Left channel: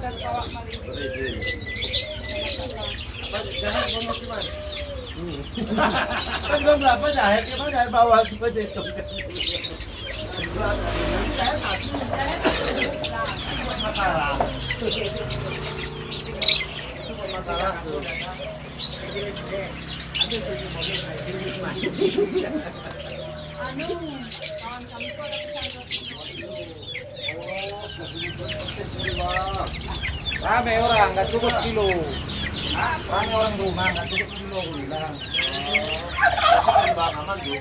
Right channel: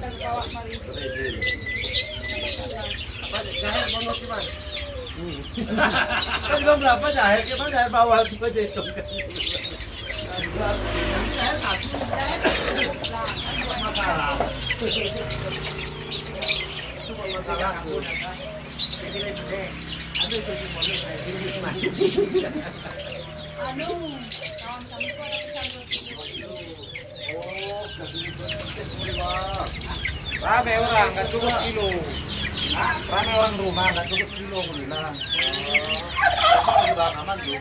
dan bawa mari. Berizin. Apa jahat bonus gimana? Kan belum berapa jahe, gimana jahe bawah itu aja itu. Masalah. Masalah tuh. Rame orang, nggak cukup kilo. Rame orang rumah, nggak cukup kilo bilang. Bang aman juga.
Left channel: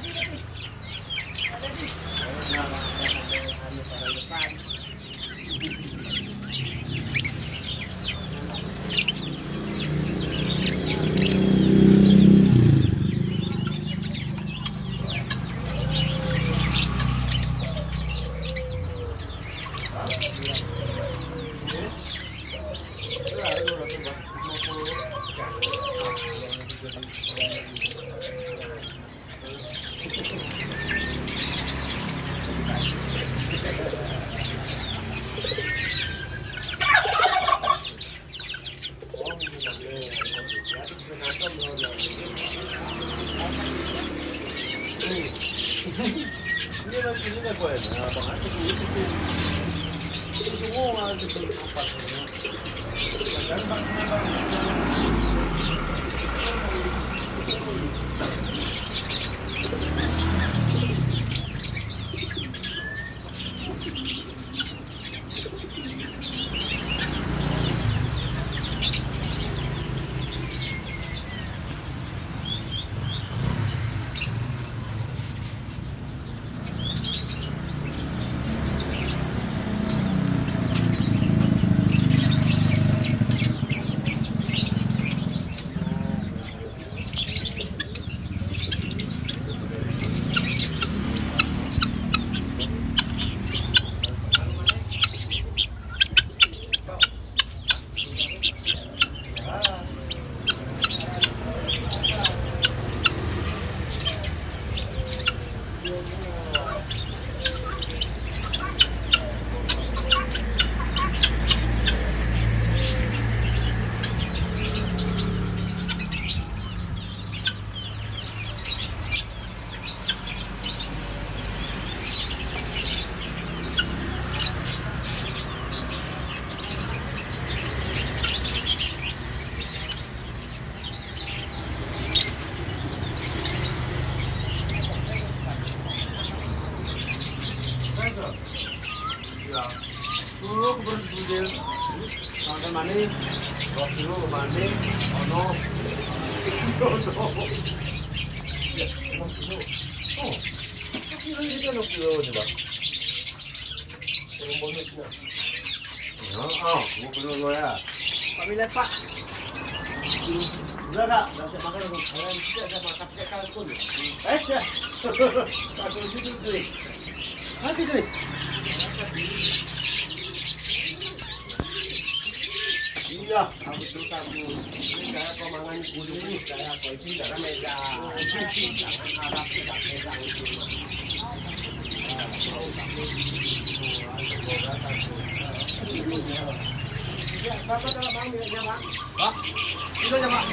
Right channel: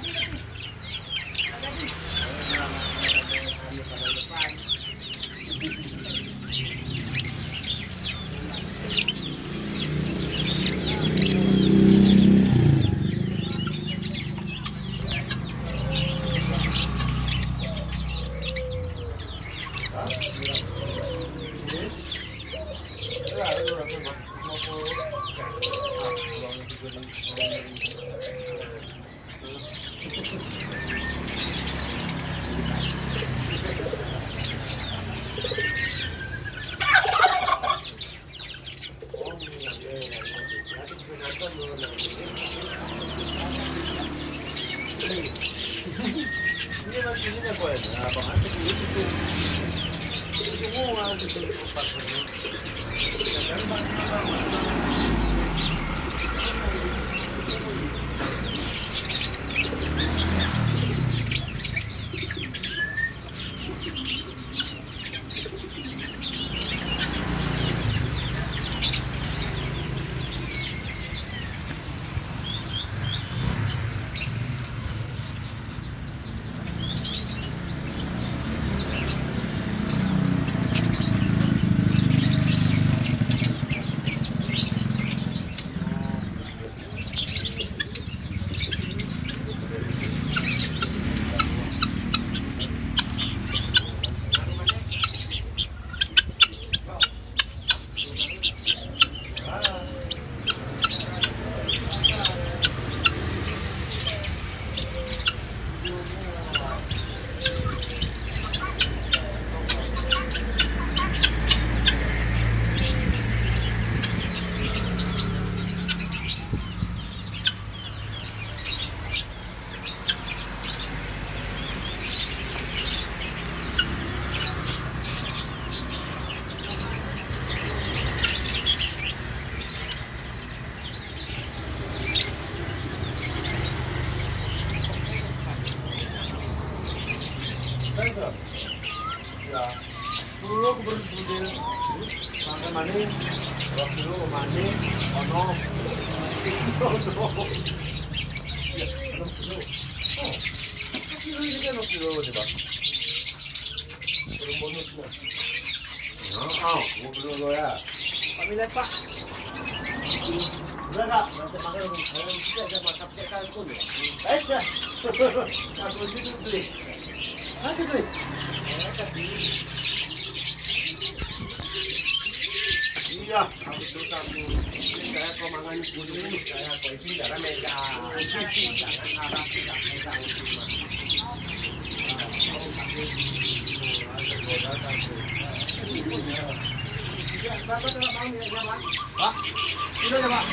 Iya, itu satu. Saya pemangan kuning, saya kopi darah mega. Jangan Arab tidak megang cuma. Berapa dalam bang ya bang? Pak, sudah ya pak.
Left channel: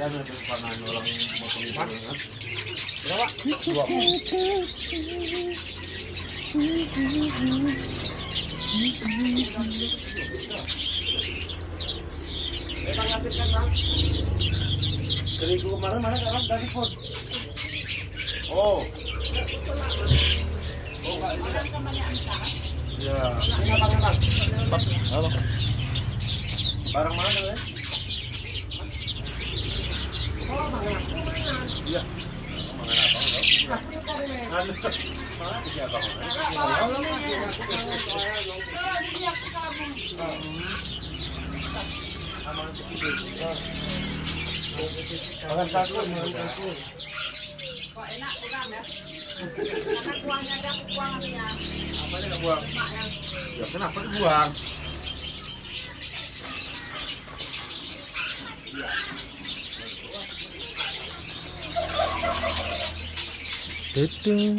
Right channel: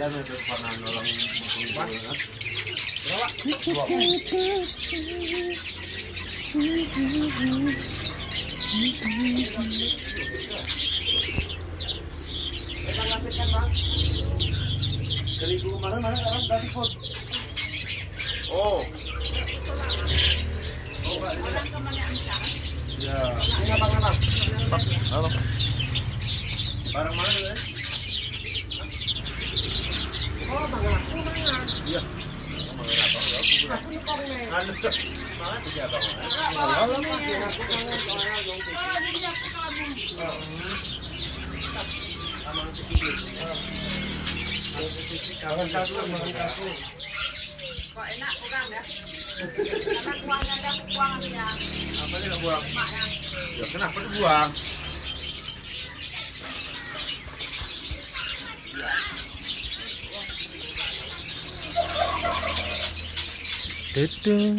Dan ada pangan orang makan banget. Berapa? 20. Dari kemarin mana dalam dari pun. Oh. Oh, Pak. Ya, ini apa mana? Halo. Barang mana ya? Oh, mangan. Iya. Oh, mangan apa? Anu. Mana dia apa? Kawan satu mengikuti. Kok enak kurang ya? Karena kuahnya ada kuah ya. Apa ini buang? Ya kenapa dibuang? Tutung.